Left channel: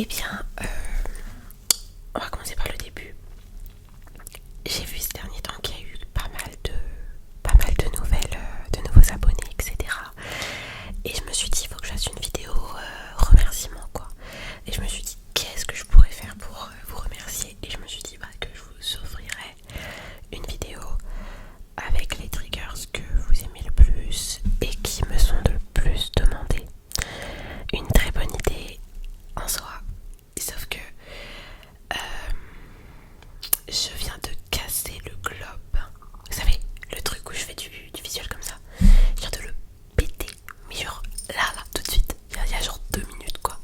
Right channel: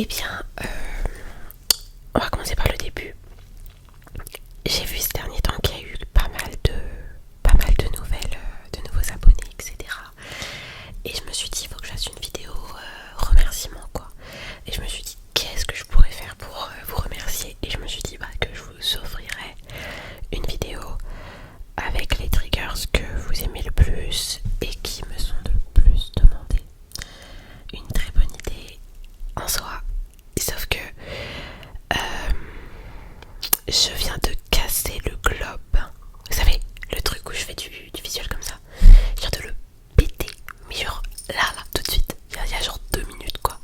Eh bien, on va commencer par le début. J'ai vu ces derniers temps qu'il y a eu pas mal de nouvelles, de nouveaux abonnés, etc. Et je me suis dit, il faut que je fasse une vidéo remerciement, quoi. Et je me suis dit, qu'est-ce que je pourrais faire pour vous remercier? Et je me suis dit que je vous offrirais une vidéo avec les triggers que vous aimez le plus et qui me sont le plus demandés. Une très bonne idée en soi, sauf que je viens de casser le globe. Vous savez, le truc où je fais du visuel comme ça. Je viens de le péter, mais genre là, tout de suite. Il y a genre 2 minutes, quoi.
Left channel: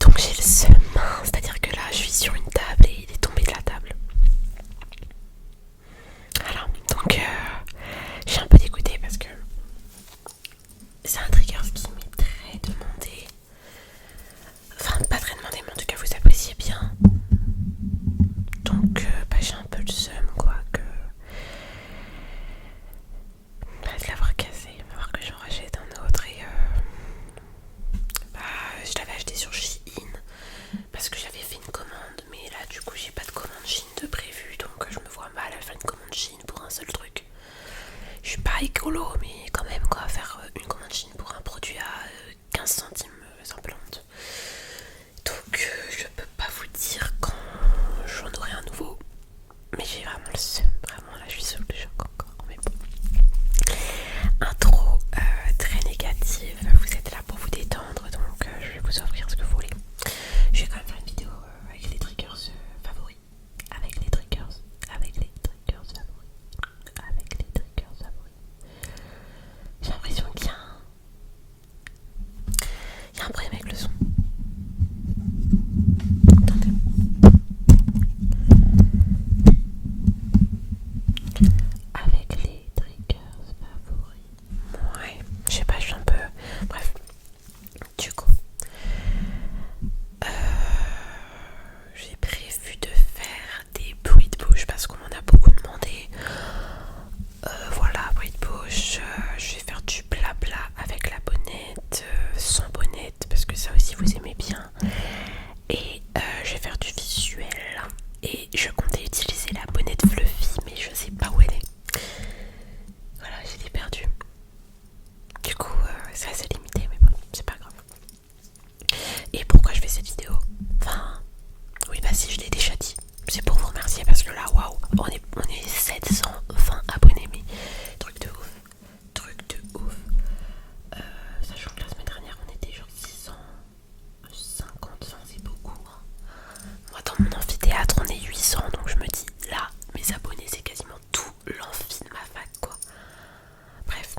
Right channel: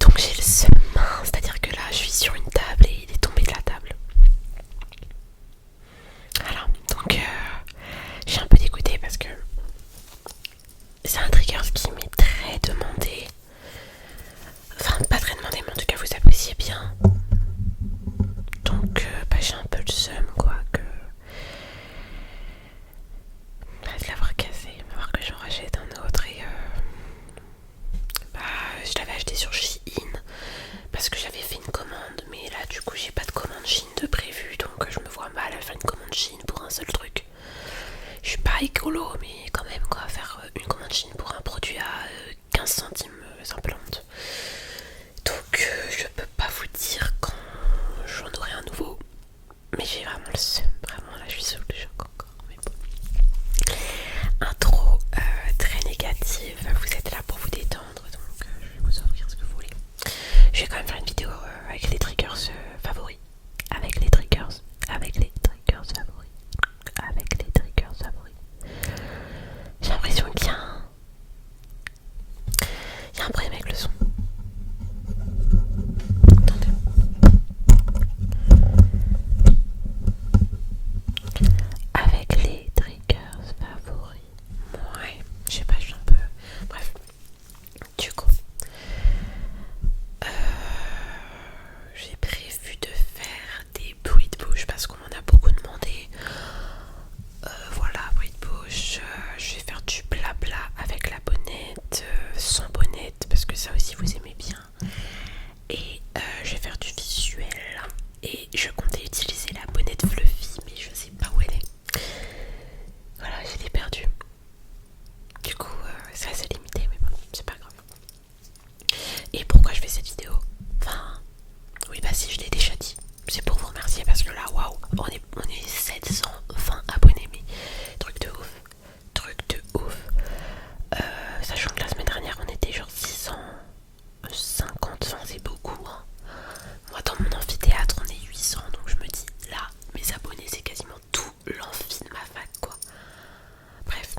Donc j'ai le seum, c'est-à-dire que là, je suis sur une table et il est tombé de la table. Voilà, donc je suis un peu dégoûtée parce que c'est un trigger qui m'est très demandé. Enfin, pas très demandé, mais en tout cas, vous appréciez bien. Donc, j'ai un peu le seum, quoi, de l'avoir cassé. Il va falloir que j'en rachète un autre et je l'avais acheté sur Shein parce que j'avais fait une commande, mais là, du coup, j'ai pas de commande Shein de prévu, donc je me vois mal à faire une commande Shein pour un seul truc. Je suis pas écolo, mais quand même, quoi, faire une commande Shein pour un produit à 15 centimes, c'est un peu honte. Donc, je peux pas vous dire quand j'en aurai un nouveau. Mais j'ai vraiment le seum, vraiment là je suis sous le choc encore, mais bon. Intro très négative, vous êtes là pour vous détendre, donc je vais vous offrir ce que vous voulez. Je vais quand même faire une vidéo avec les triggers favoris. Avec les triggers favoris. J'ai l'impression qu'il y a un problème avec le son. Attendez. Avec les triggers favoris. Ouais, je sais pas, je suis un peu... Bref, du coup, j'ai prévu de faire des bruits de bouche parce qu'on m'en a beaucoup demandé. Voilà, bruit de bouche, je vais faire du blabla avec la bonnette, sans bonnette, parce que ça aussi vous aimez bien. Et je vais faire du visuel. Et je comptais utiliser la bonnette fluffy, mais je sais pas où elle est. Voilà, je l'ai perdue. Du coup, c'est assez limité, mais bon, c'est pas grave. Et pourquoi je fais cette vidéo? Enfin, oui, si, je l'ai déjà dit. C'est pour vous remercier parce que là, waouh, on est 720 abonnés, mais truc de ouf. Sachant que la semaine dernière, on était genre 650, enfin, c'est beaucoup, hein. Moi, dans mon amphithéâtre, on est 800, donc je me dis, là, mes abonnés, c'est quasiment tout l'amphi de ma fac, quoi. Bref,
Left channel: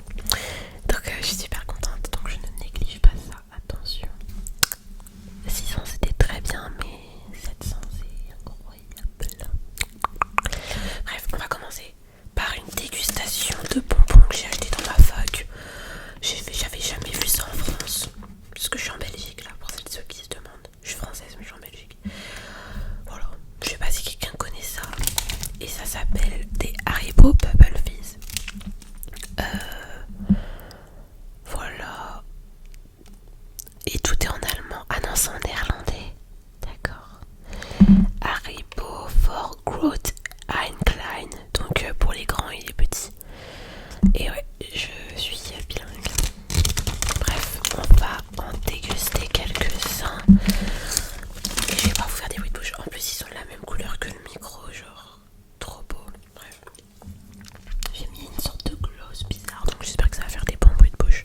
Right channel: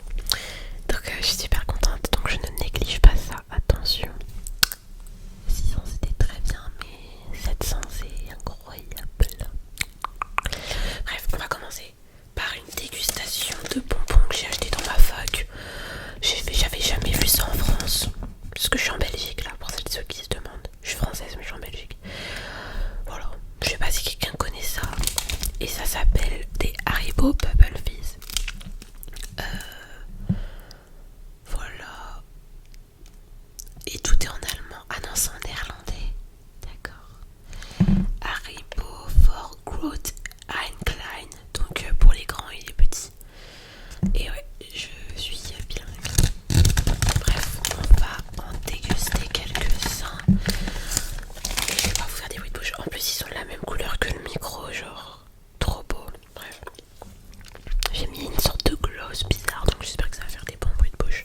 donc je suis super contente, donc je ne néglige pas ça, attention. 600 c'était très bien, mais 700 c'est incroyable. Bref, on va commencer par une dégustation de bonbons que j'ai acheté dans ma fac. J'avais jamais vu ça en France, parce que je suis en Belgique là, pour celles et ceux qui se demandent. Je suis française mais je suis en Belgique. Voilà, je sais pas si quelqu'un connaît ça. Et ça s'appelle des Haribo Bubble Fizz. Voilà. Et tout est en allemand. Ah non, c'est en néerlandais. D'accord. Haribo for Growth Einklein. Donc pour les grands et les petits. Et ouais, je suis bilingue. Bref, on va en déguster quelques-uns. Et je vais pas vous faire des bruits de bouche. En plus, ils sont de la même couleur que le micro, genre trop beau. Bref. J'ai mis une sorte de gloss bizarre, donc j'espère que ça va faire des bons bruits de bouche.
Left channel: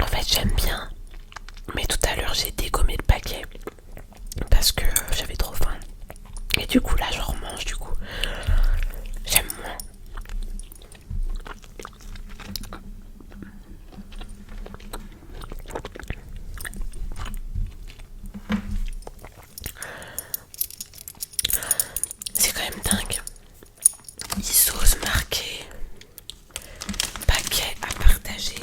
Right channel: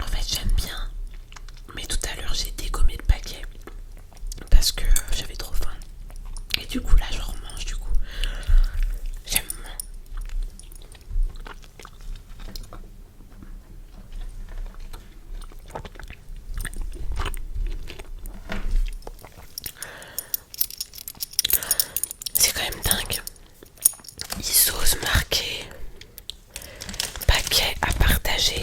En fait, j'aime bien, mais tout à l'heure j'ai dégommé le paquet parce que j'avais trop faim. Et du coup, là, je remange, du coup, j'aime moins. C'est quand même dingue. Ils osent marquer paquet à partager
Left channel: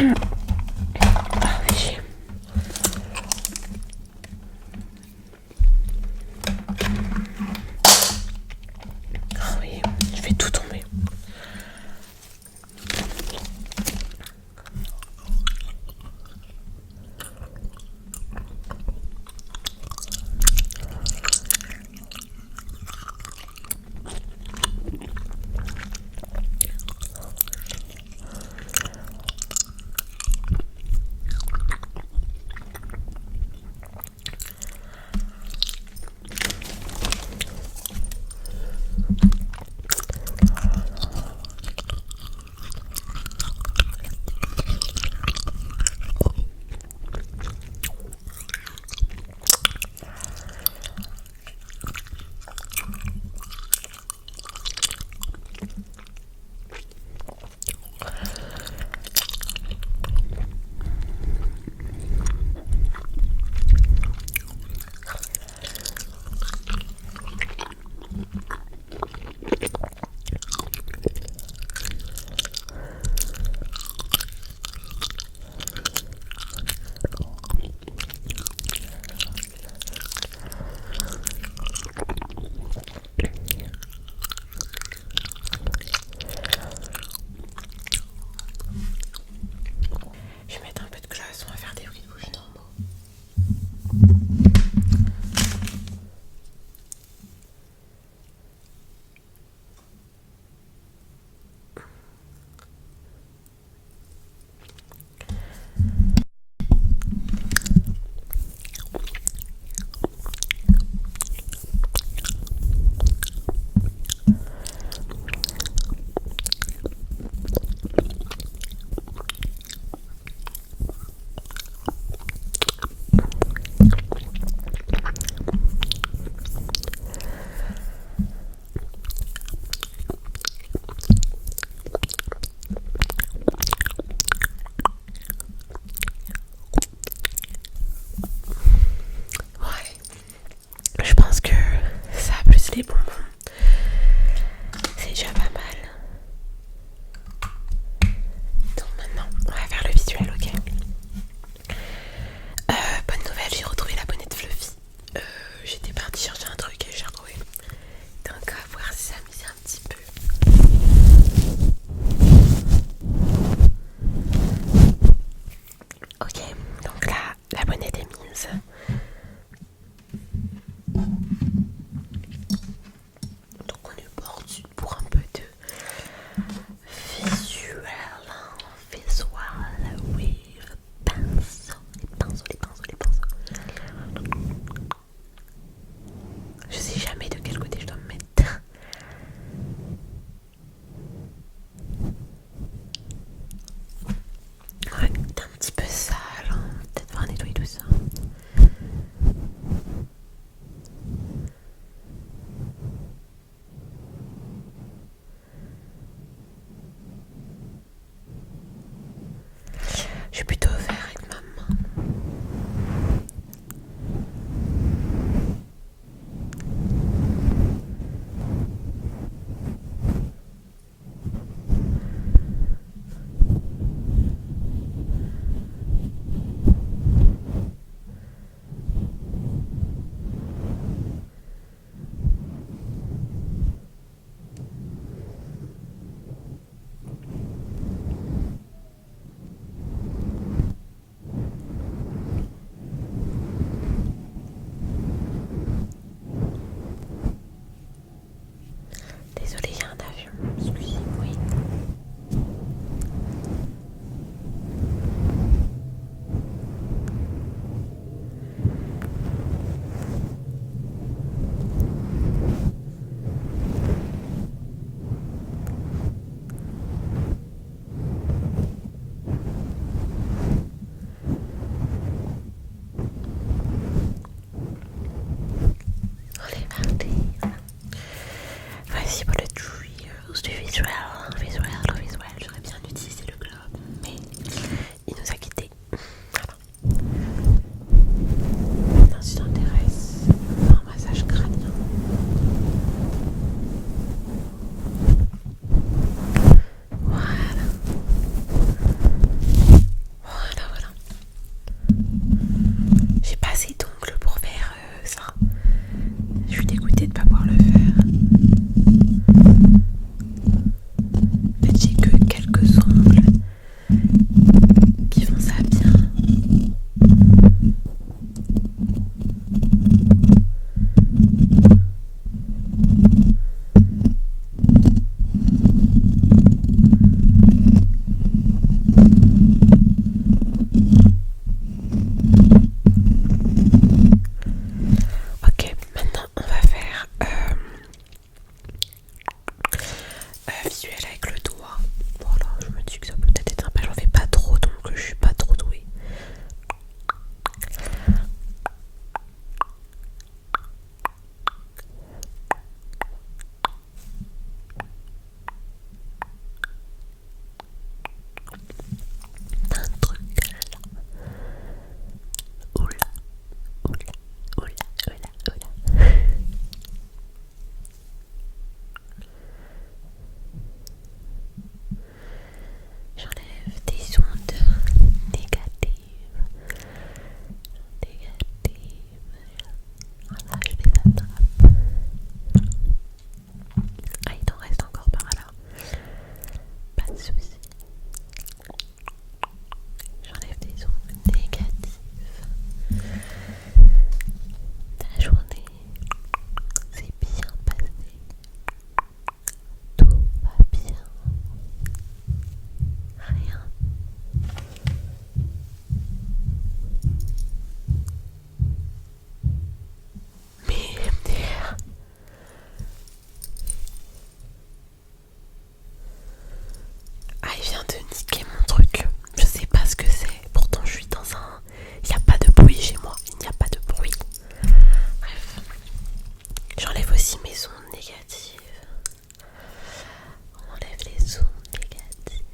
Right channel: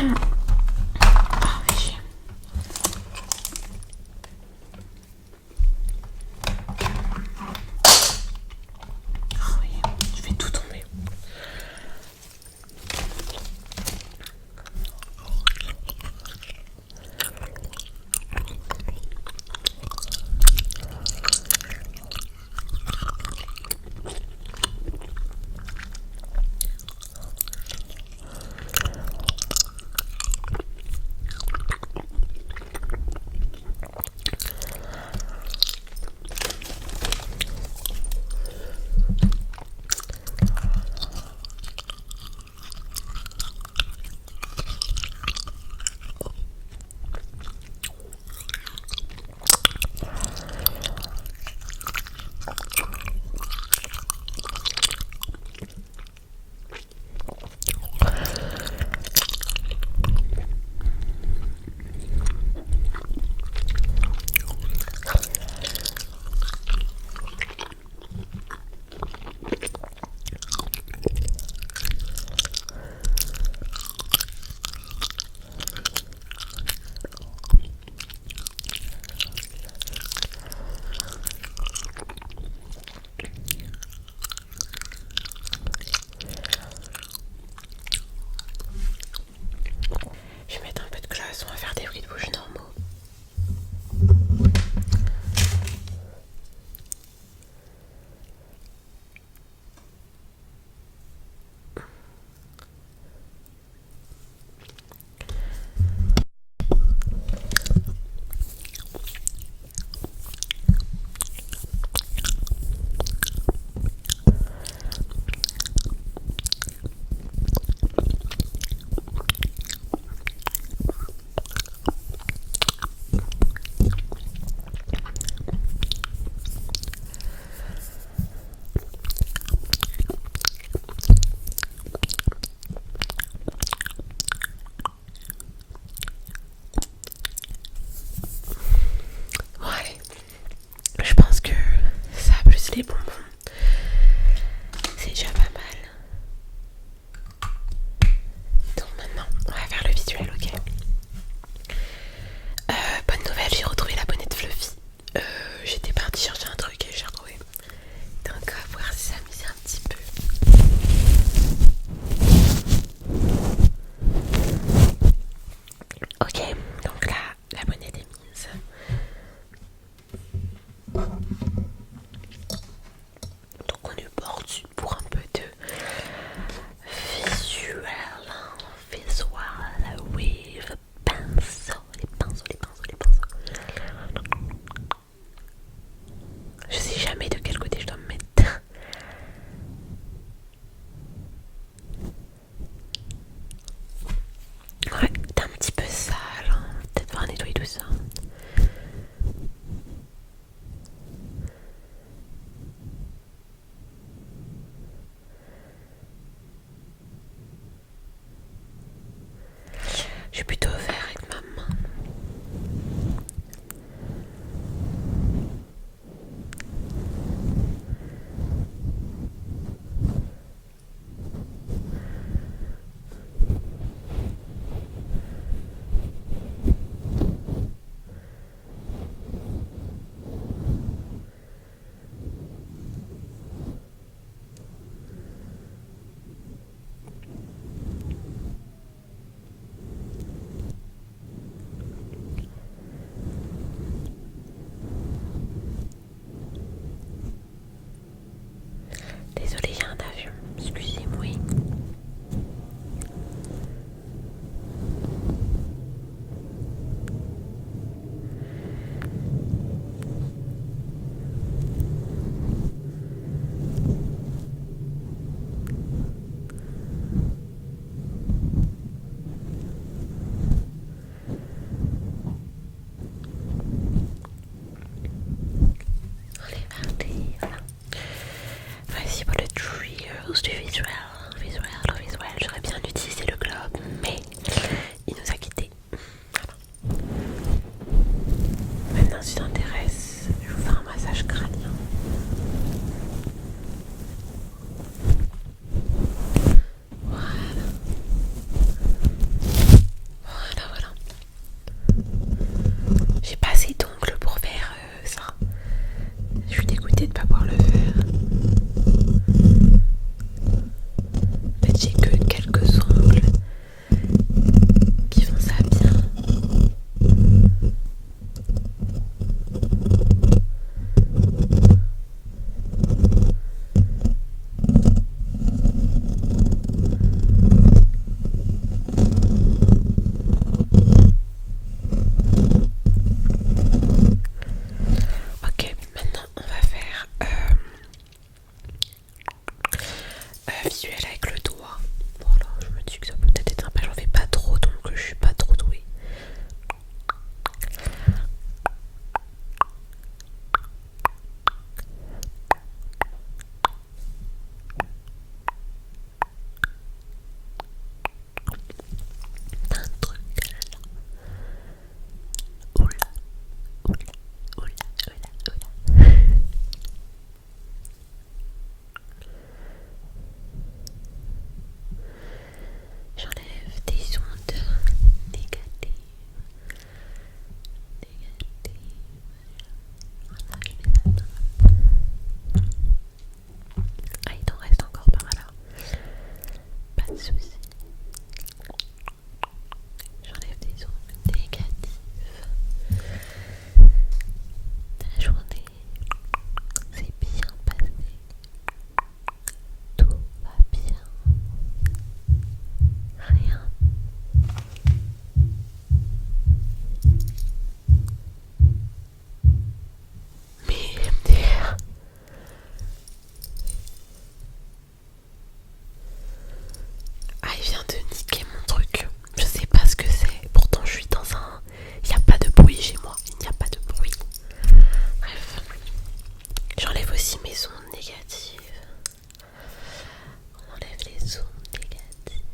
Ah oui. Ah oui, je vais tout tomber. soucis. J'enlève des ondes négatives. Ta journée s'est bien passée. Tout va bien. Rien. Mais MDR. Ah, il vient de niquer mon truc. Je sais pas ce que c'est. Pourtant, je suis dans un. Il n'y a pas de bruit chez moi. Il n'y a pas de bruit. Bref. J'enlève aussi mes ondes négatives. On enlève les ondes négatives.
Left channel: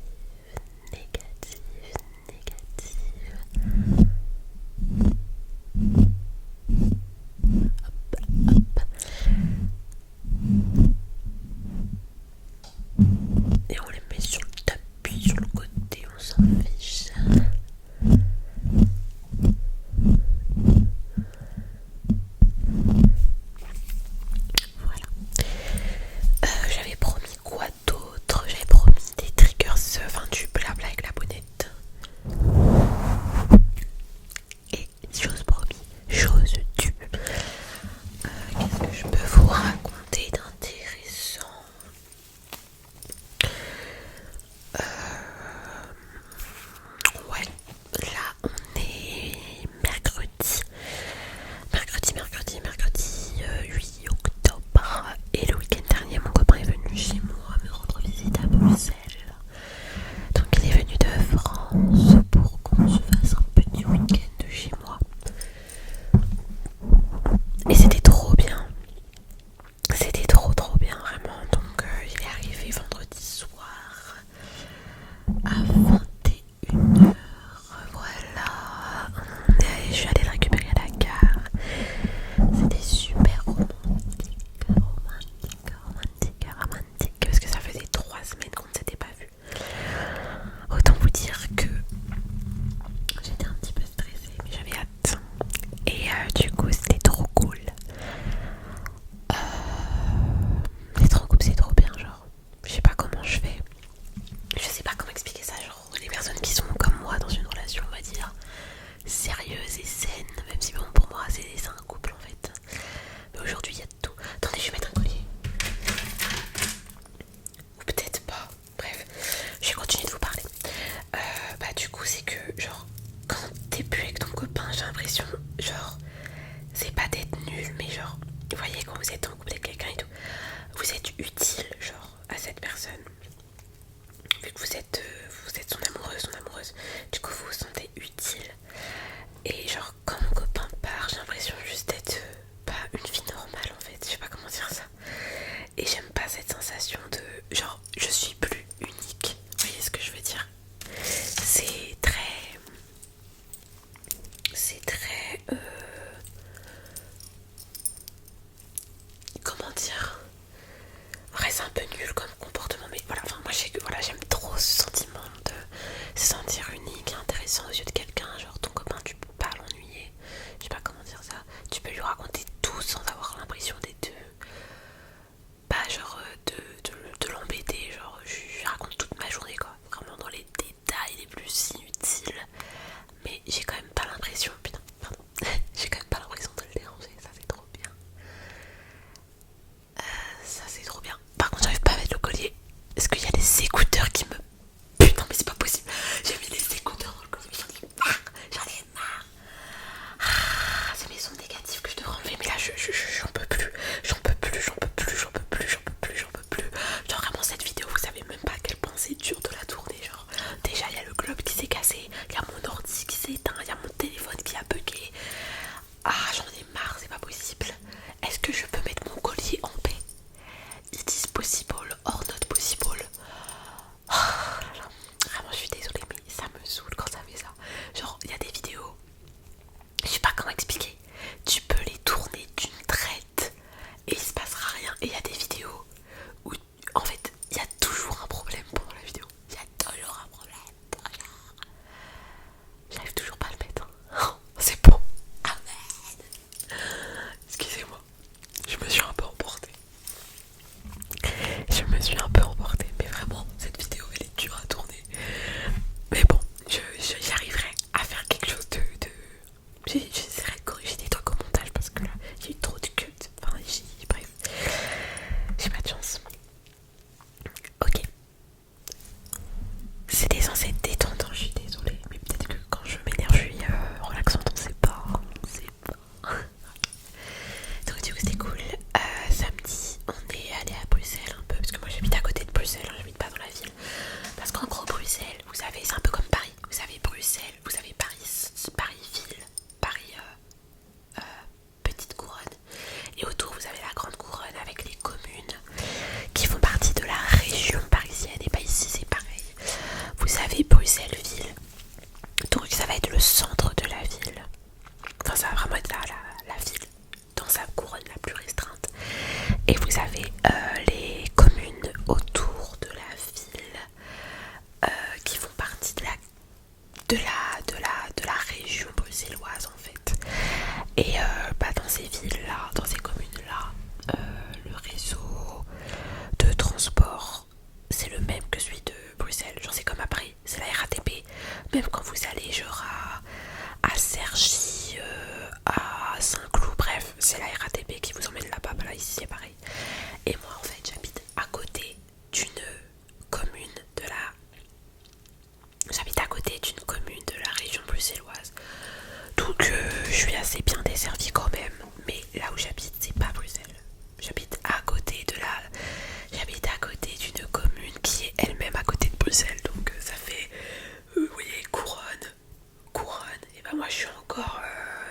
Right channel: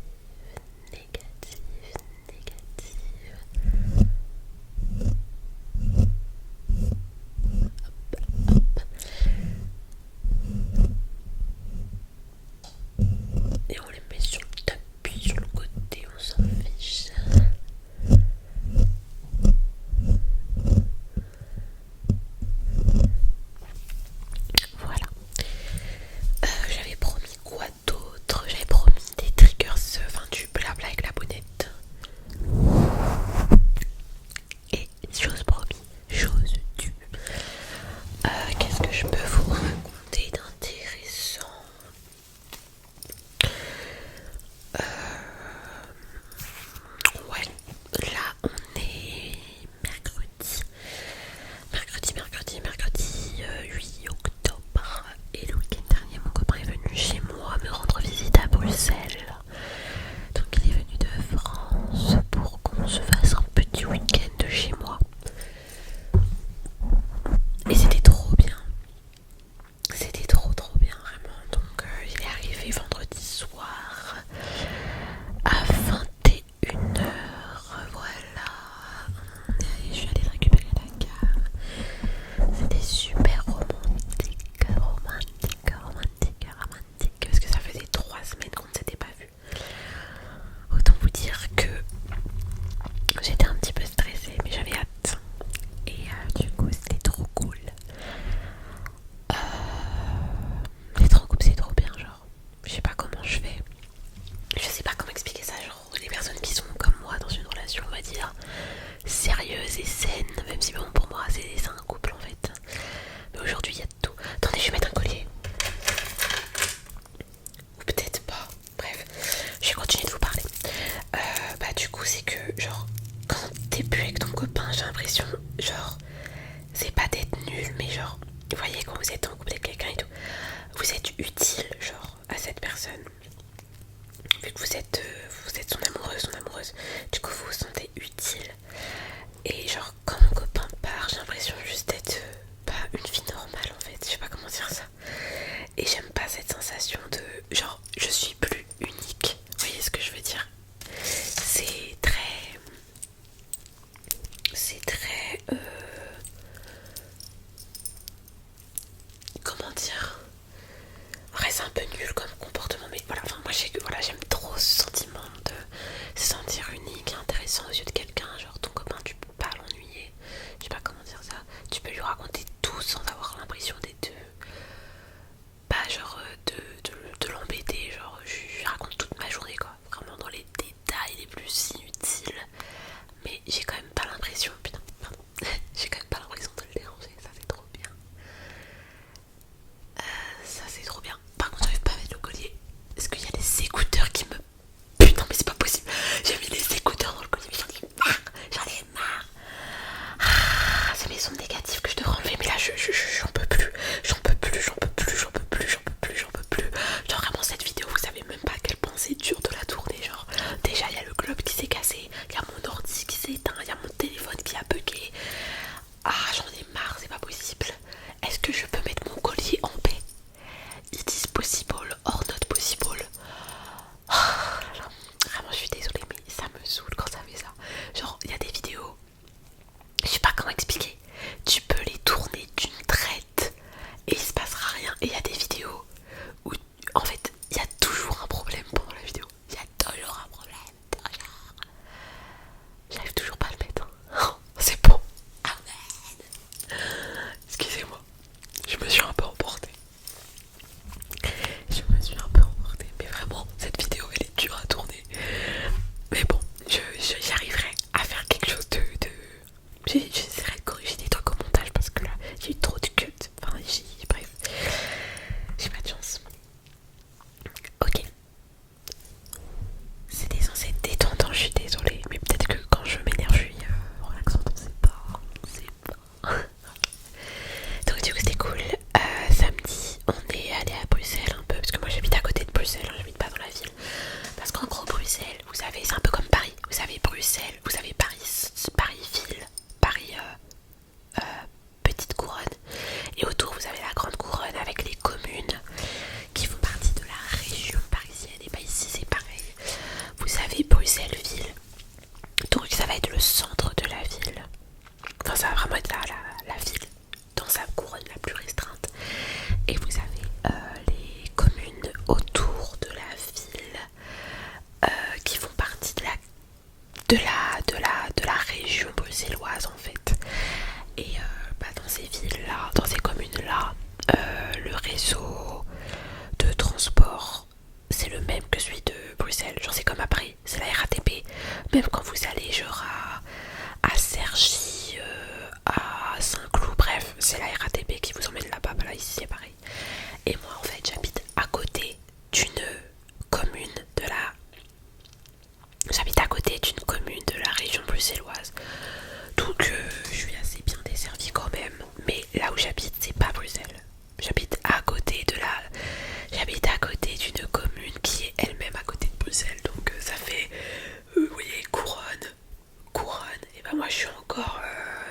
Négatives. Négatives. Hop, hop. Et on les met sur le tapis, sur le côté, on s'en fiche. Voilà. J'avais promis quoi d'autre? J'avais promis des triggers, enfin du blabla avec la bonnette. Et chose promis, chose due. Qu'est-ce que je peux vous raconter d'intéressant? Ouais, là on est mercredi 8 octobre. Et le week-end dernier, mon copain est venu chez moi me rendre visite à Bruxelles. Donc il est venu de France pour qu'on se fasse un petit week-end chez moi. Et c'était trop bien. C'était trop bien vraiment. Donc il est arrivé vendredi soir à 21h. Voilà. Je suis allée le récupérer à la gare. C'était super romantique. Parce que ça faisait 3 semaines qu'on ne s'était pas vu. Autant vous dire que j'étais un petit peu stressée, mais j'avais hâte. Et du coup c'était trop cool. C'est trop bien, genre. Je sais pas comment je fais. Je sais pas comment expliquer ça, genre les personnes qui sont comme moi dans une relation, on va dire, sérieuse et saine, même si bon pour moi c'est un couple en fait. Mais aujourd'hui il y a de tout. Attendez, je vais mettre un collier. Ou peut-être pas. Bref, je vais continuer de vous parler. Bah du coup c'est que genre quand t'es plus avec ton copain, j'ai l'impression genre c'est pas d'être nul, mais genre vous voyez quand vous êtes en couple avec quelqu'un et tout, vous êtes utile genre à cette personne. Vu que vous êtes son amoureuse, du coup vous vous sentez utile. Et genre quand mon copain part, j'ai l'impression juste d'être pas une fille normale en fait, je sais pas comment dire ça. Et j'aime pas cette sensation de genre je suis plus unique, vous voyez ce que je veux dire? C'est très comment dire? Ouais, c'est un peu nul comme comportement, mais voilà, enfin moi voilà, j'aime trop ce sentiment de se sentir unique et intéressant aux yeux en gros, Bruxelles, vous savez, c'est un peu comme Paris. Vous avez Bruxelles, vous avez Paris-Ville, Paris petite couronne. Et autour, vous avez la grande couronne avec les communes qui font partie de la région parisienne. Et bah ici, c'est pareil. Vous avez Bruxelles-Ville. Donc ça va être le centre de la ville. Enfin, ça va vraiment être la ville dans sa couronne la plus restreinte. Et vous avez les communes autour de la ville qui font partie de la région bruxelloise en fait. Et dans ces villes-là, dans ces communes-là, le réseau de transport c'est le même que celui de Bruxelles. Genre c'est comme à Paris, c'est la RATP. Même quand vous allez genre à Cergy, à Saint-Cloud, bref, c'est la RATP qui vous emmène là-bas. Bah là ici c'est pareil. Et moi en fait j'habite à côté d'une commune de la J'habite à côté d'une commune de la région bruxelloise. Donc je suis assez bien desservie quand même. Mais là où j'habite, c'est pas Bruxelles. J'habite à côté d'une commune qui est elle-même à côté de Bruxelles. Donc ça fait, vous voyez, couronne. Et ben moi je suis encore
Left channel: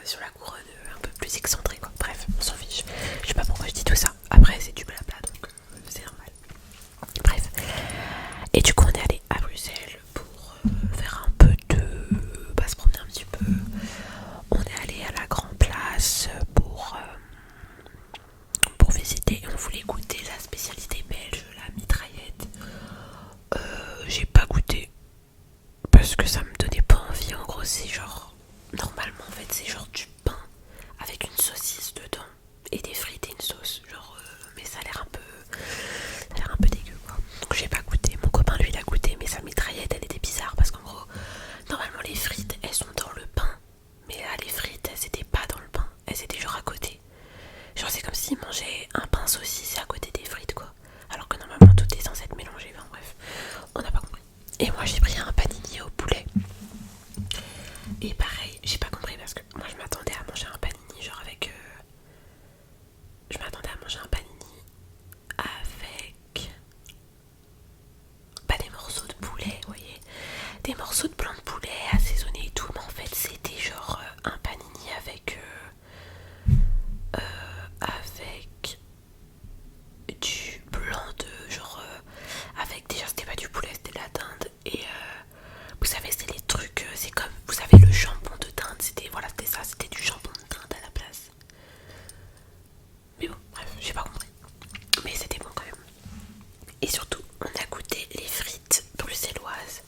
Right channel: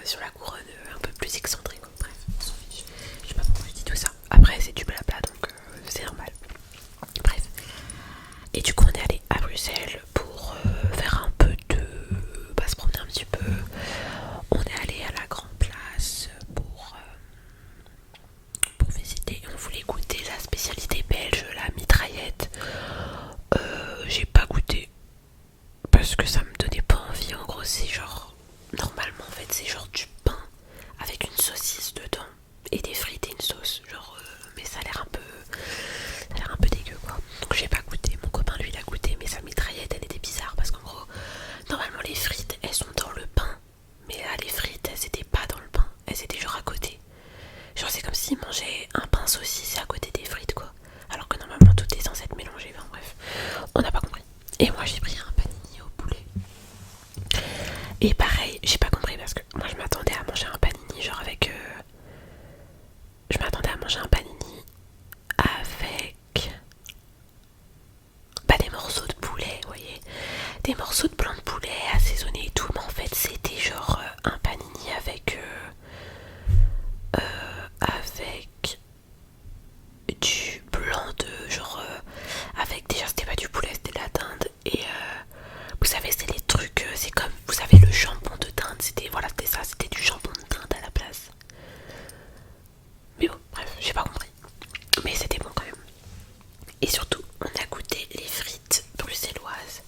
sur la couronne un peu plus excentrée quoi. Bref, on s'en fiche. Je sais pas pourquoi je dis tout ça. Après c'est du blabla donc c'est normal. Bref. Et du coup on est allé à Bruxelles pour faire un peu de... se promener un petit peu. On est allé à la Grand Place pour visiter et on voulait goûter la spécialité belge, la mitraillette. J'ai pas goûté parce que ça me donnait pas envie. En gros c'est genre... Normalement en fait c'est genre du pain avec une saucisse dedans et des frites et une sauce. Genre mais ça a l'air un peu dégueu quoi. Donc j'ai pas goûté. Mon copain lui l'a goûté mais sa mitraillette elle était bizarre parce qu'en gros normalement les frites elles sont dans le pain. Mais là les frites elles étaient pas dans le pain. Elles étaient genre à côté. Genre c'est comme s'il mangeait un pain saucisse à côté des frites quoi. Alors que normalement tout est censé être mélangé. Enfin bref, on n'a pas compris. Et moi j'ai pris un panini au poulet. Et pareil, j'ai pas compris parce que moi je m'attendais à manger un panini genre avec... Je m'attendais à manger un panini avec... des morceaux de poulet, vous voyez. Des morceaux de blanc de poulet assaisonnés et tout. Mais en fait c'était genre un panini avec... avec du blanc de genre avec déjà c'était pas du poulet c'était de la dinde et vous savez c'est les trucs c'est comme vous savez le jambon de dinde c'était voilà c'était ça c'était du jambon de dinde à la place mais bon bref j'ai pas compris mais c'était bon quand même et surtout on a goûté les frites bruxelloises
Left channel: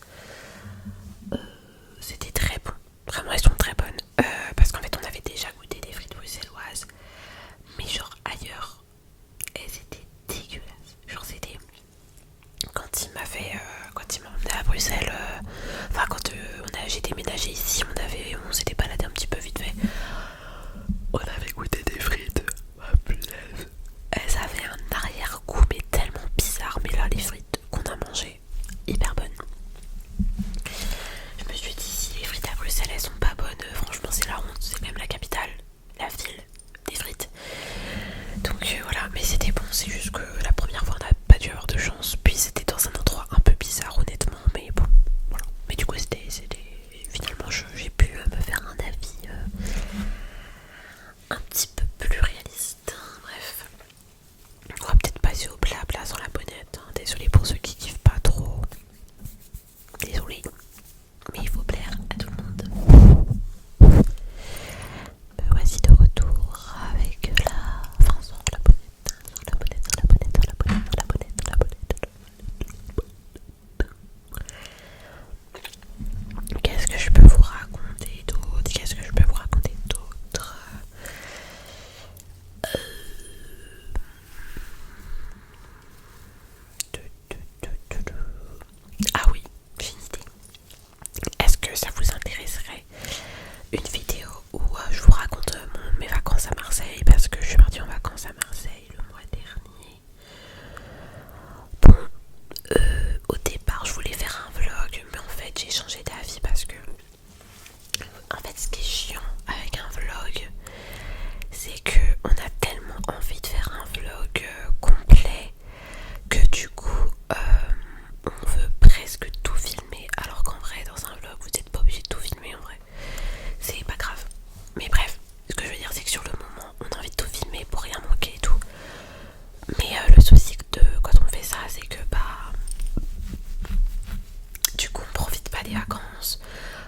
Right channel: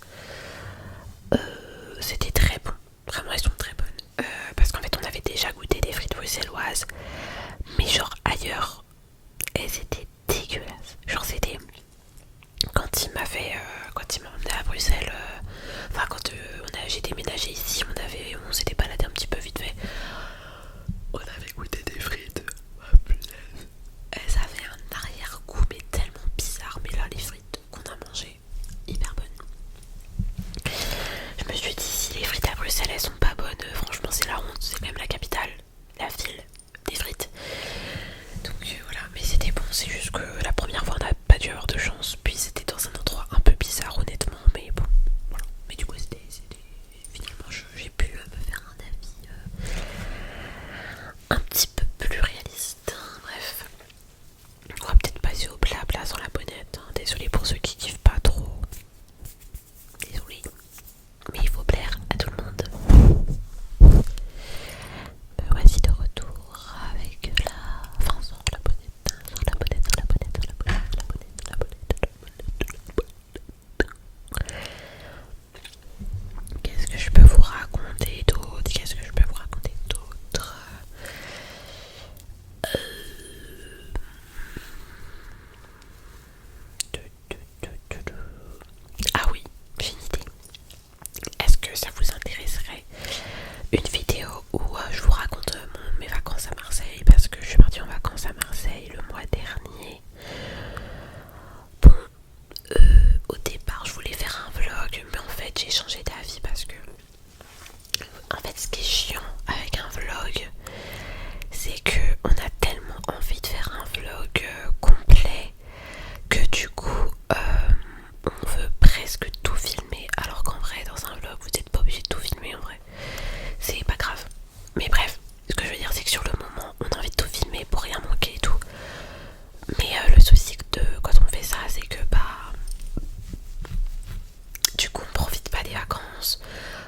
vacances,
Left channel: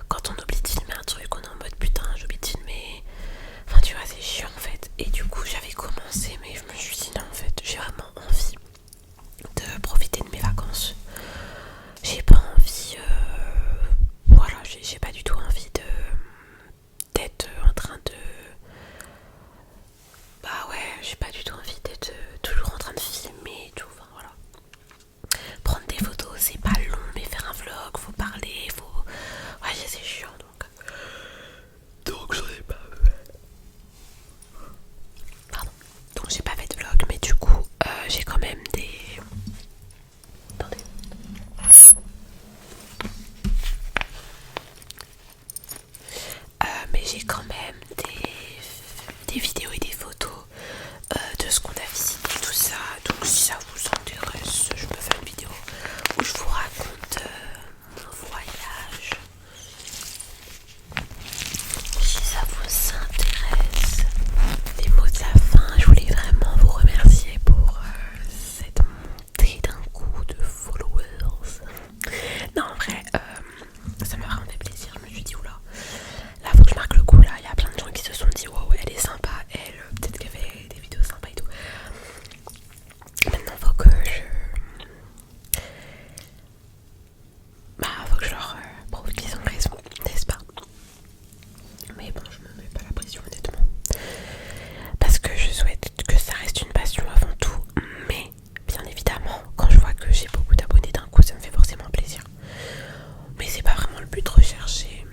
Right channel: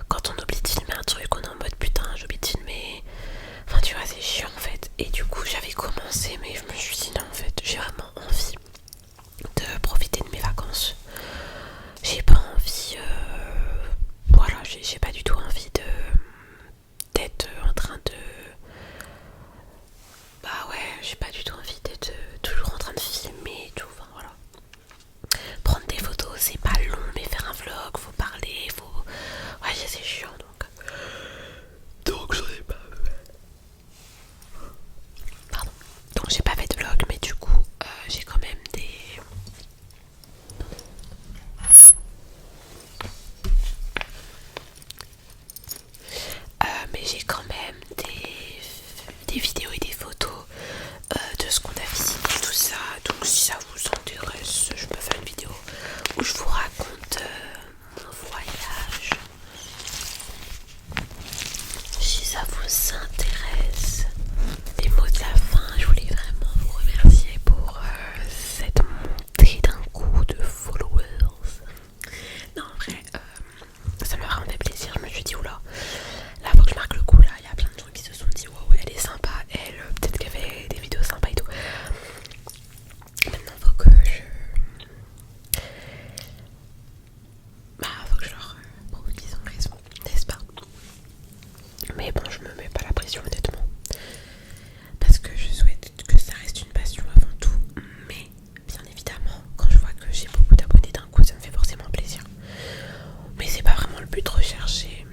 quand on oublie de filmer un truc, on est en mode putain j'ai oublié de filmer. Enfin tu vois c'est chiant en fait. Et du coup j'avais commencé mais je me suis dit non en fait j'ai vraiment envie de profiter de mes vacances. J'ai pas envie, voilà, j'ai pas du tout envie d'être en train de, bah ouais, j'ai pas du tout envie d'être toujours en train de filmer et tout, enfin voilà. Prendre des photos c'est pas long, mais faire un vlog, faut parler, faut, ouais c'est chiant donc j'en ai pas fait. Pardon. Donc j'ai pas fait de vlog, mais du coup j'ai quand même des... Attendez. Mais j'ai quand même des vidéos et des photos de ce qu'on a visité, tout ça. Donc si ça vous intéresse, je peux faire une vidéo où je vous raconte mon voyage. Si ça vous intéresse. Les mots de la fin, je voulais vraiment vous remercier pour cette montée d'un coup de followers. Non en vrai, ça m'a vraiment fait plaisir, je me suis dit oula, là faut que je marque le coup, là il y a plein de gens qui se sont dit wow elle est sympa, elle peut-être qu'elle fait des vidéos sympas et tout. Maintenant faut que je leur prouve qu'ils ont raison, n'est-ce pas? Mais bon je me mets pas la pression honnêtement, parce que je souhaite que ça reste une passion avant tout, mais bien évidemment quand je vois que j'ai beaucoup d'abonnés d'un coup ça me fait forcément plaisir. Mais c'est pas vraiment le but recherché.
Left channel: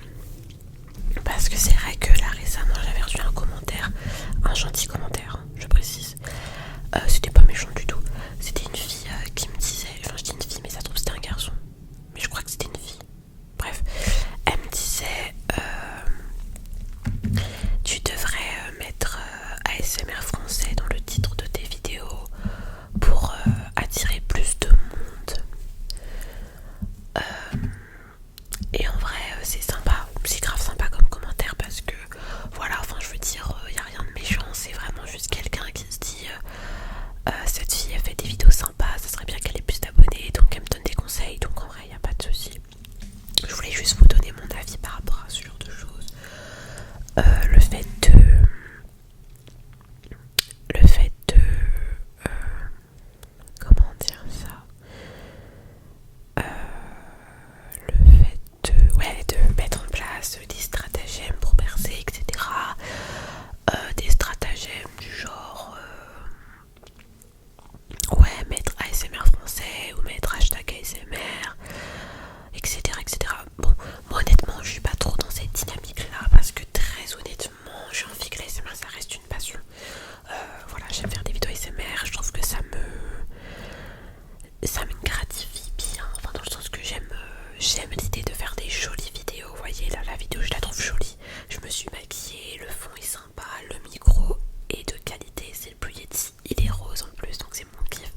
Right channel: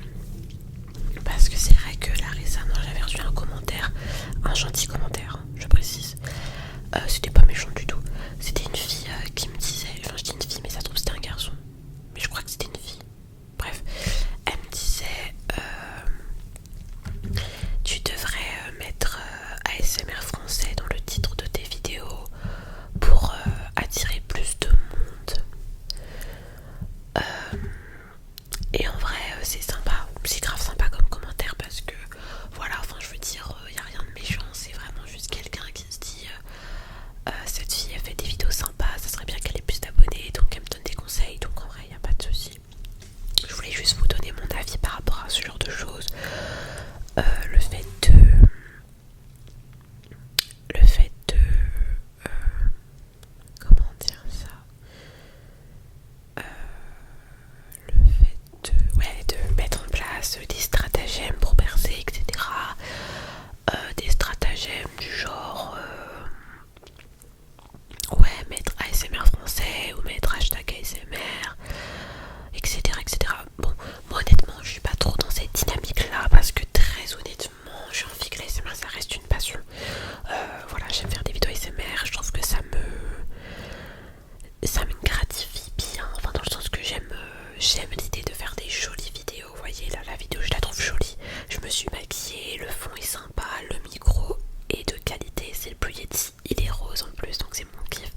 Parce que c'est vrai que là récemment j'avais reçu un commentaire, un gentil commentaire, je précise. C'était pas méchant du tout. C'était une fille qui me disait, enfin je dis une fille mais ça se trouve c'était un garçon. Mais je crois que c'était une fille. Bref, elle me disait tu devrais mettre ASMR français dans le titre de tes vidéos pour attirer plus de monde. Et en vrai c'est sympa, c'est grave sympa comme commentaire parce que voilà, enfin je veux dire, y a rien de méchant, c'est vraiment juste quelqu'un qui se dit cette fille elle fait des vidéos sympas, ça serait bien qu'elle ait plus d'abonnés, donc elle me donne des conseils, donc en vrai y a pas de souci. Je voulais juste vous donner mon avis par rapport à ce genre de choses. Le fait de comment dire ça, le fait de mettre en place des stratagèmes pour percer, etc. Des stratagèmes du genre mettre ASMR français ou mettre hashtag ASMR, etc., etc. Bon, moi honnêtement je suis pas trop dans cette dynamique là parce que très honnêtement j'ai envie que l'ASMR ça reste une passion. Voilà, j'aime faire des vidéos ASMR, je trouve que ça me gratifie bien, enfin dans le sens que j'aime l'idée de faire des jolies vidéos. Vous voyez là la vidéo je la trouve jolie, je me suis maquillée, le fond est sympa, le micro est de qualité, c'est le Blue Yeti, il est rose en plus donc c'est mon kiff.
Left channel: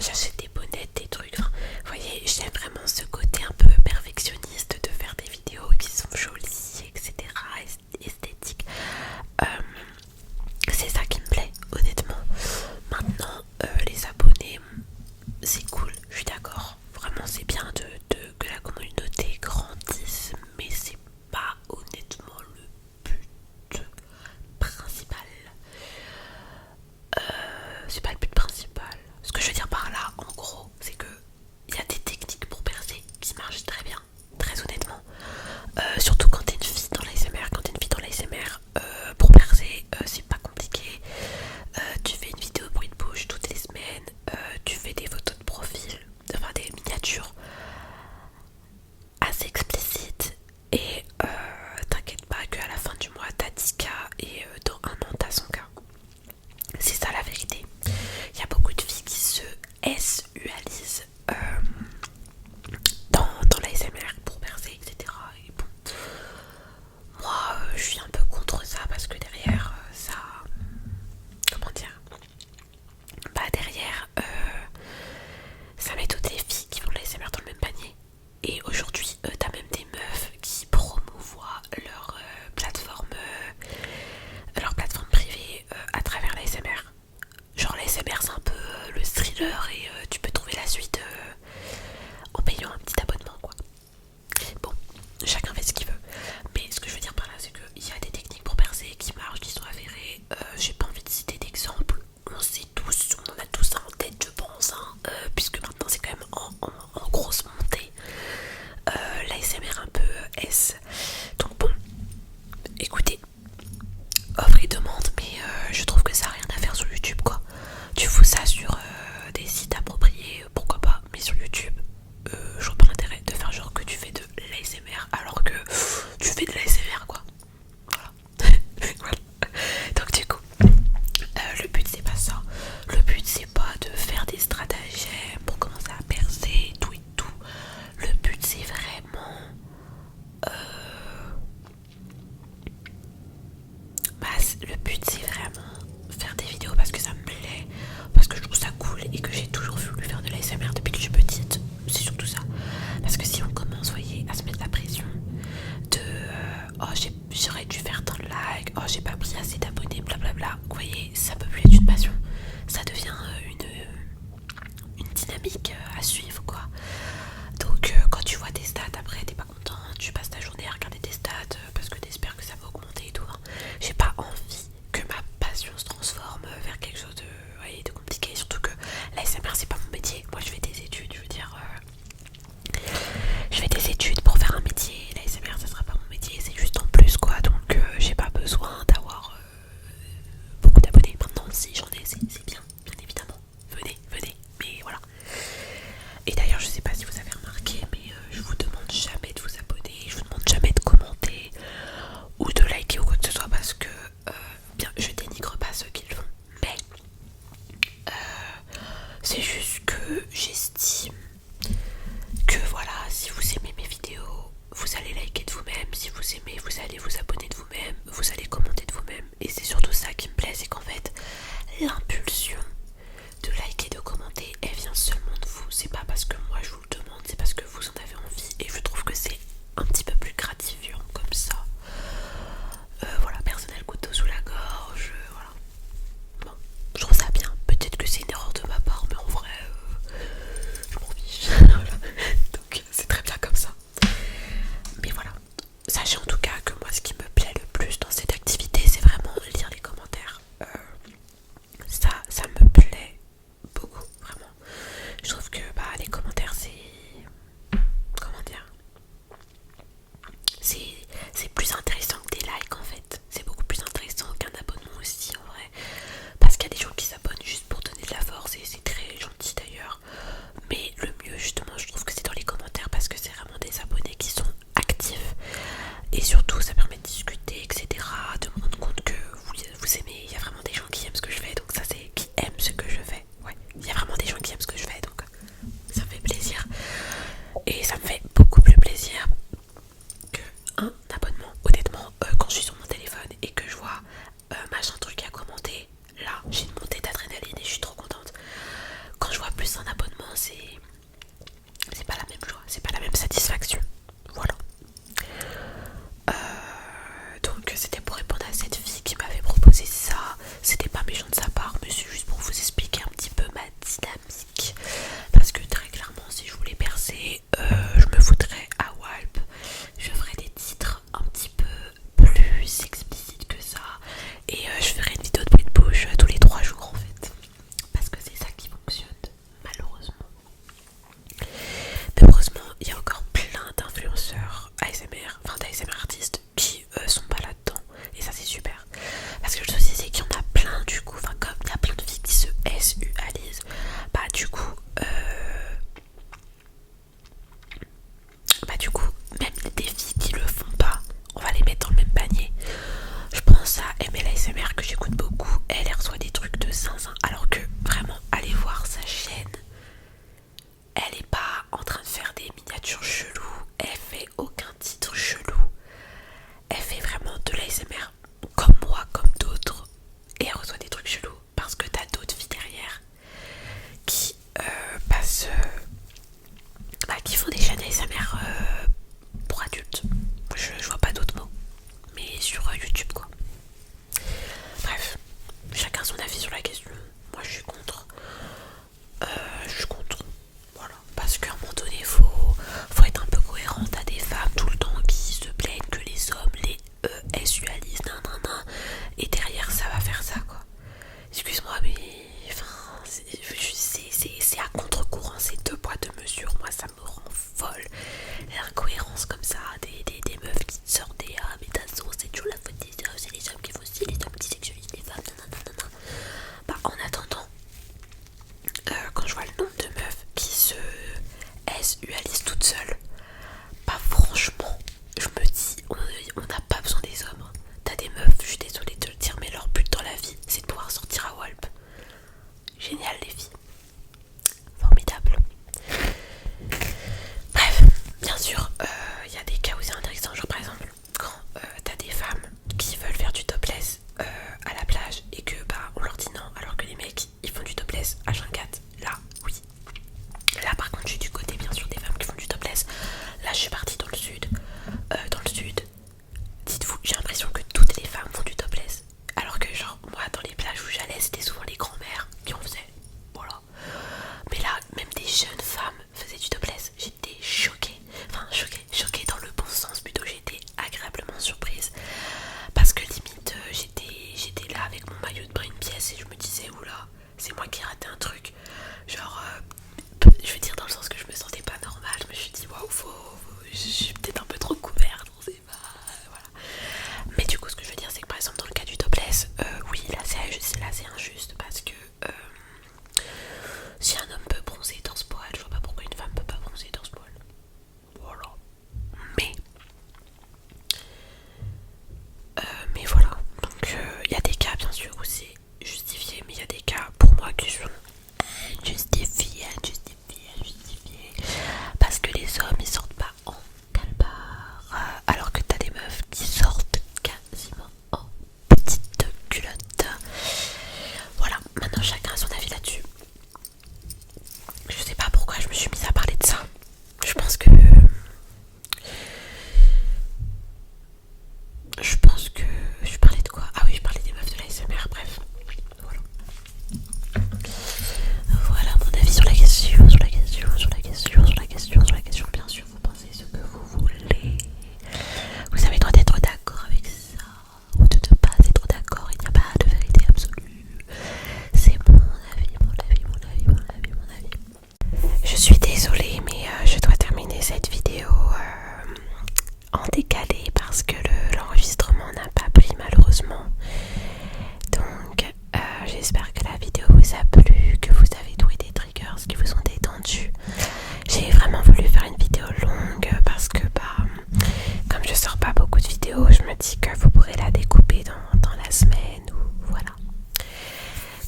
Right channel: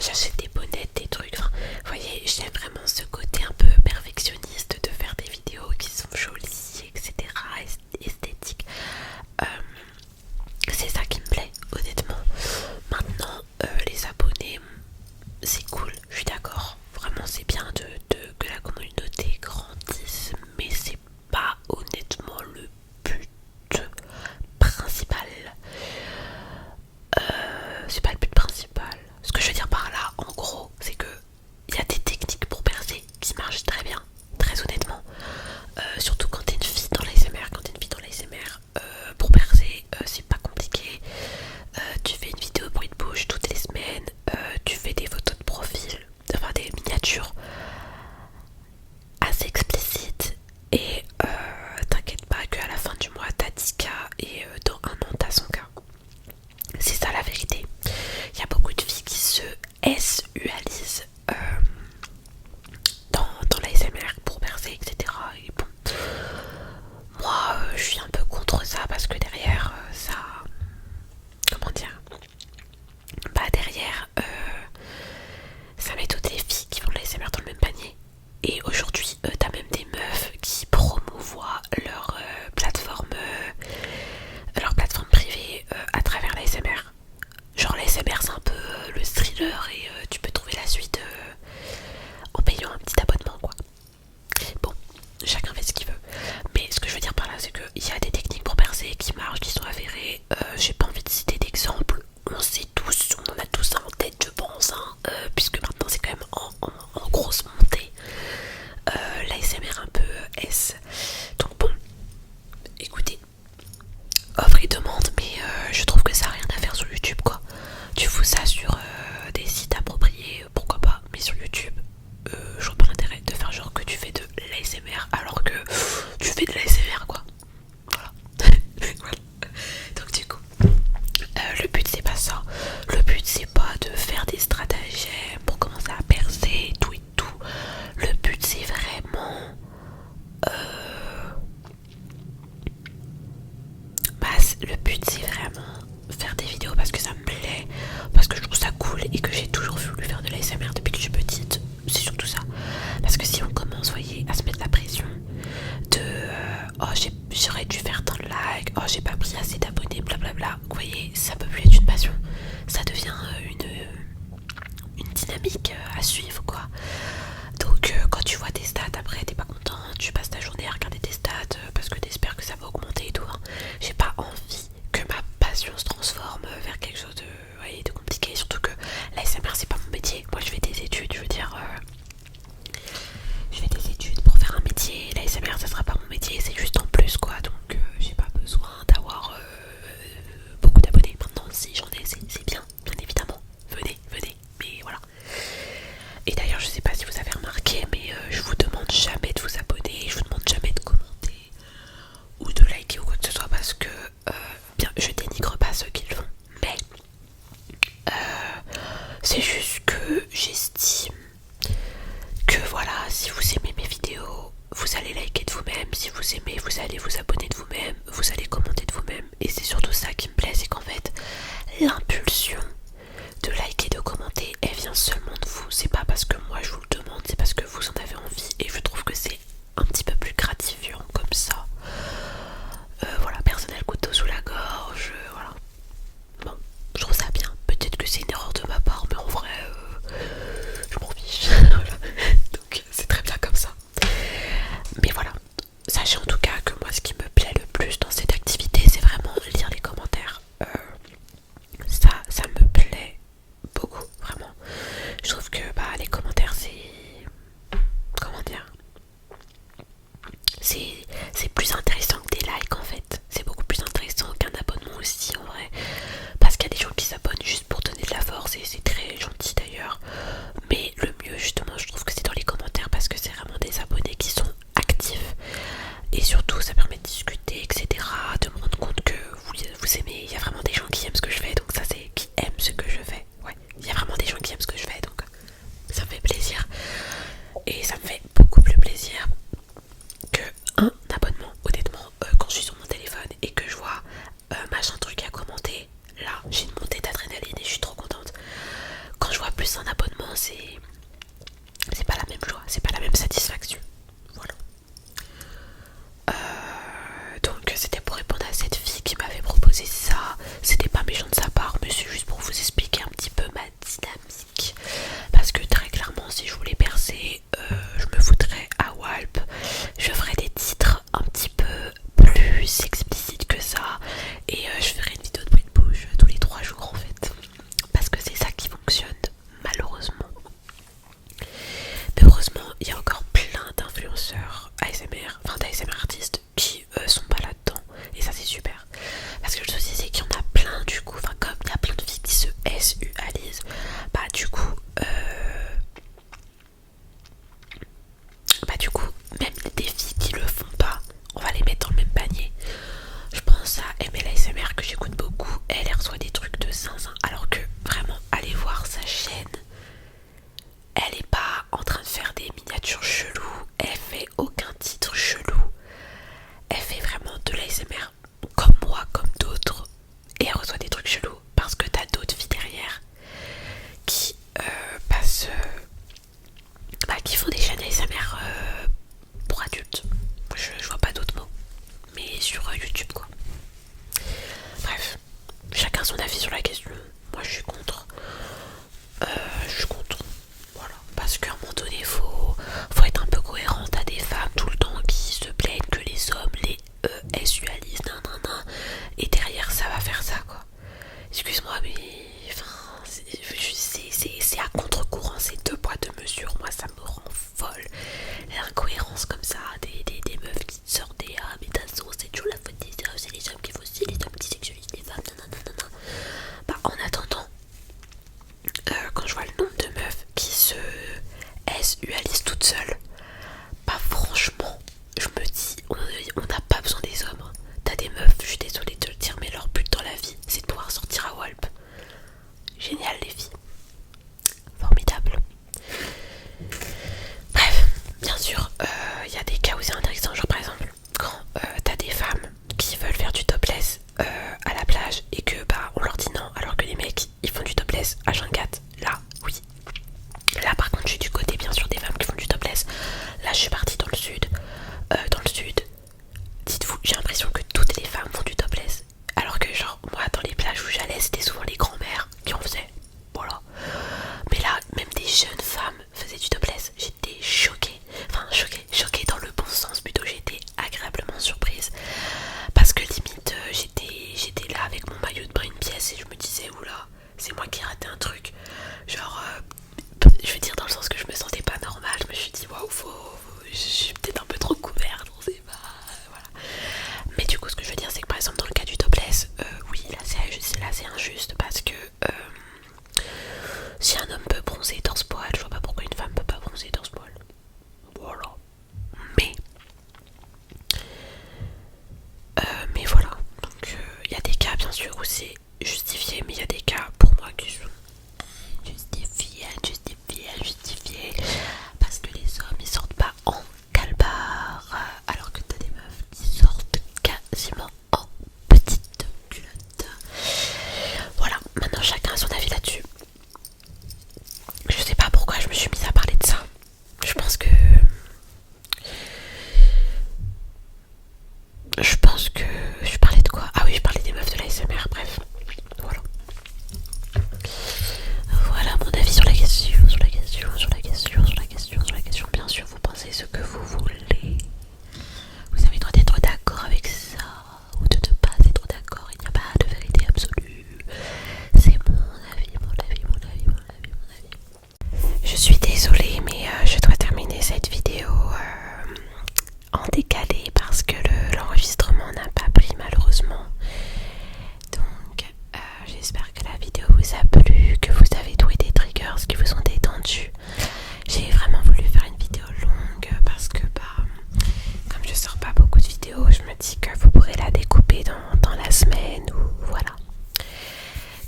J'achète des bonnettes, des trucs, enfin, vous voyez j'aime vraiment ce côté un peu perfectionniste de faire des vidéos qui sont jolies, etc., esthétiques. C'est ça qui me plaît honnêtement. Maintenant les abonnés c'est cool, je suis d'accord, vraiment c'est bien que la communauté grandisse, mais c'est pas honnêtement le but principal. C'est pas le but principal. Ce que je veux dire par là en gros c'est que il y a des techniques pour percer qui marchent très bien, très honnêtement. Surtout quand t'es une fille dans l'ASMR, pour percer c'est pas compliqué. Tu fais une vidéo bruit de bouche toutes les semaines, tu fais des photos de profil, enfin des miniatures assez explicites et t'inquiète pas qu'à la fin du mois t'as 10K et dans un an t'as 100K. C'est ça la vérité. Il y a beaucoup de filles qui se SUalisent dans l'ASMR pour percer, etc. Et bon, moi je suis un peu contre ça parce que derrière ça, comment dire, bah derrière ça met toutes les filles qui font de l'ASMR dans le même panier. Et aujourd'hui t'as même des meufs qui promouvent S. Donc bon, écoutez, offre et demande, mais je trouve que ça n'a rien à faire sur YouTube quoi. Tu fous ça sur des sites appropriés, pourquoi pas, mais sur YouTube, je vois pas l'intérêt de faire genre que tu fais de l'ASMR alors que tu fais de l'ASMR quoi. Voilà. Voilà. Donc du coup, le but c'est pas ça. Le but c'est pas de faire des stratagèmes pour commencer à percer, tout et tout. Le but c'est vraiment le but c'est vraiment faire des vidéos parce que ça me plaît, parce que je trouve ça cool et que j'ai toujours voulu faire de l'ASMR depuis que je suis petite. C'est surtout ça. Parce que si on commence, voyez, à se mettre la pression de oh j'aurais dû faire tant de likes, oh j'ai pas pris assez d'abonnés, blablabla, vous voyez, ça peut plus être une passion. Ça devient une dynamique à suivre quoi. Donc quand tu vois tes stats après t'es pas content, tu passes ta journée à regarder tes stats parce que t'espères que ça va augmenter et tout hein. J'ai pas envie que ma passion se transforme vers quelque chose de compliqué, surtout que la SMR c'est pas mon métier. Moi je fais des études, je veux dire je fais des études pour faire un métier, la SMR ça sera pas mon métier, c'est juste en plus quoi. Donc j'ai pas besoin d'avoir beaucoup d'abonnés. Maintenant si j'en ai c'est bien évidemment, venez, mais voilà. Et d'ailleurs je sais pas si vous avez remarqué, mais je vous demande jamais de vous abonner, je vous demande jamais de commenter ou de liker ou quoi que ce soit parce que bien je dénigre pas ceux qui le font, mais c'est juste que j'estime que voilà, si vous aimez mes vidéos, vous allez liker de vous-même, si vous aimez, vous allez vous abonner de vous-même, vous allez commenter de vous-même, et c'est surtout ça qui me plaît, c'est qu'en fait l'impulsion de liker, de commenter, elle vient seulement de vous. C'est pas parce que moi je vous le demande, c'est parce que vous en avez envie. Et je trouve que c'est un petit peu plus gratifiant comme ça. Voilà, personne n'a le couteau sous la gorge. Voilà. Bon, je trouve ça bien. Peut-être que c'est une erreur de ma part, mais en vrai, je m'en fiche. Voilà. Donc c'est très bien comme ça. Mais voilà. Sachez en tout cas que moi ce qui me plaît le plus dans cette activité, c'est vraiment lire les commentaires. Ça me plaît beaucoup, vraiment. Je trouve que les commentaires c'est... Comment dire, c'est plus intéressant que des likes en fait. C'est beaucoup plus intéressant qu'un abonnement aussi en vrai. Parce qu'il y a des gens qui s'abonnent juste pour donner de la force et c'est très gentil d'ailleurs. Mais le mieux justement je trouve que c'est dans les commentaires parce que c'est vraiment des abonnés qui sont actifs. Et surtout ça permet de discuter etc. De me rendre compte que vous aimez. Il y a vraiment des gens qui aiment ce que je fais. Donc ça c'est qui aiment ce que je fais. Ouais, il y a vraiment des gens qui aiment ce que je fais. Donc ça me fait plaisir. Et ça me fait beaucoup plus plaisir que un abonnement. Honnêtement, quand je suis sur mon téléphone et que je vois machin truc à commenter, là j'ai une montée d'adrénaline et je suis trop contente. Quand je vois plus un abonnement, c'est pas la même joie, c'est pas la même satisfaction. Voilà. Donc c'était pour répondre à cette fille qui m'avait proposé ça. C'était pas méchant de sa part, mais c'est juste pour vous expliquer un petit peu ma dynamique. Parce que très clairement, si je voulais percer, je me foutrais à Walp. Je ferais des titres un petit peu plus explicites que ça. Et je ferais une vidéo de bruit de bouche tous les 3 jours en fait. Parce que c'est ça qui fonctionne, malheureusement. Mais heureusement, il y a encore plein d'influenceurs ASMR, enfin d'ASMR artistes qui sont pas là-dedans. Et ça c'est super. Parce que le souci c'est qu'il y en a plein du coup, enfin comme il y a plein de filles qui se SUalisent, du coup, même des filles qui le font pas, on va les mettre dans le même panier. Je pense à ML ASMR que j'écoute beaucoup, elle reçoit des trucs de zinzin, alors que vraiment, allez voir sa chaîne. Elle est pas en train de faire des miniatures chelous, elle fait aucun titre chelou. Elle fait vraiment de l'ASMR comme moi, comme d'autres. Et elle reçoit des trucs chelous parce que t'as d'autres filles derrière qui passent... qui font des chaînes ASMR pour adultes. Je vois pas d'autres mots. Mais sur YouTube quoi. Bref, chacun son avis sur la question. Moi je suis contre. Je suis contre. Voilà. Parce qu'à un moment donné, faut être un peu cohérent. T'as des femmes tout le temps qui se plaignent que les hommes les SUalisent, nanana. Et derrière ça va faire ça quoi. Excuse-moi mais... Enfin, c'est à contre-courant, c'est 2 poids 2 mesures. Moi ça me rend folle. L'incohérence comme ça, des Je pense que... Je parlais de quoi? Ah oui, je parlais des meufs de la SMR, bref. Voilà. Voilà mon avis sur la question, sur la question, sur la question, sur la question, sur la question. Bien sûr, vous pensez ce que vous voulez. Vous avez le droit d'être d'accord avec ça ou de ne pas être d'accord. Il n'y a pas de vérité absolue. C'est mon avis, mon avis, mon avis, mon avis, mon avis. Je suis désolée, mais je dois terminer cette vidéo en décalé parce que l'enregistrement n'a pas pris malheureusement. Donc j'espère que la vidéo vous a plu, que vous avez trouvé des triggers qui vous ont détendu. J'ai vraiment voulu faire une vidéo longue parce que comme je sors pas beaucoup de vidéos, je me dis que vous pourrez la découper dans la semaine ou voilà.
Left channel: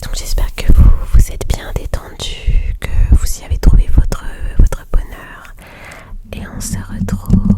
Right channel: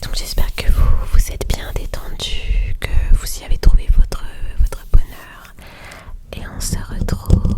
Donc j'espère que vous êtes bien détendu, que vous y avez trouvé votre bonheur et on se retrouve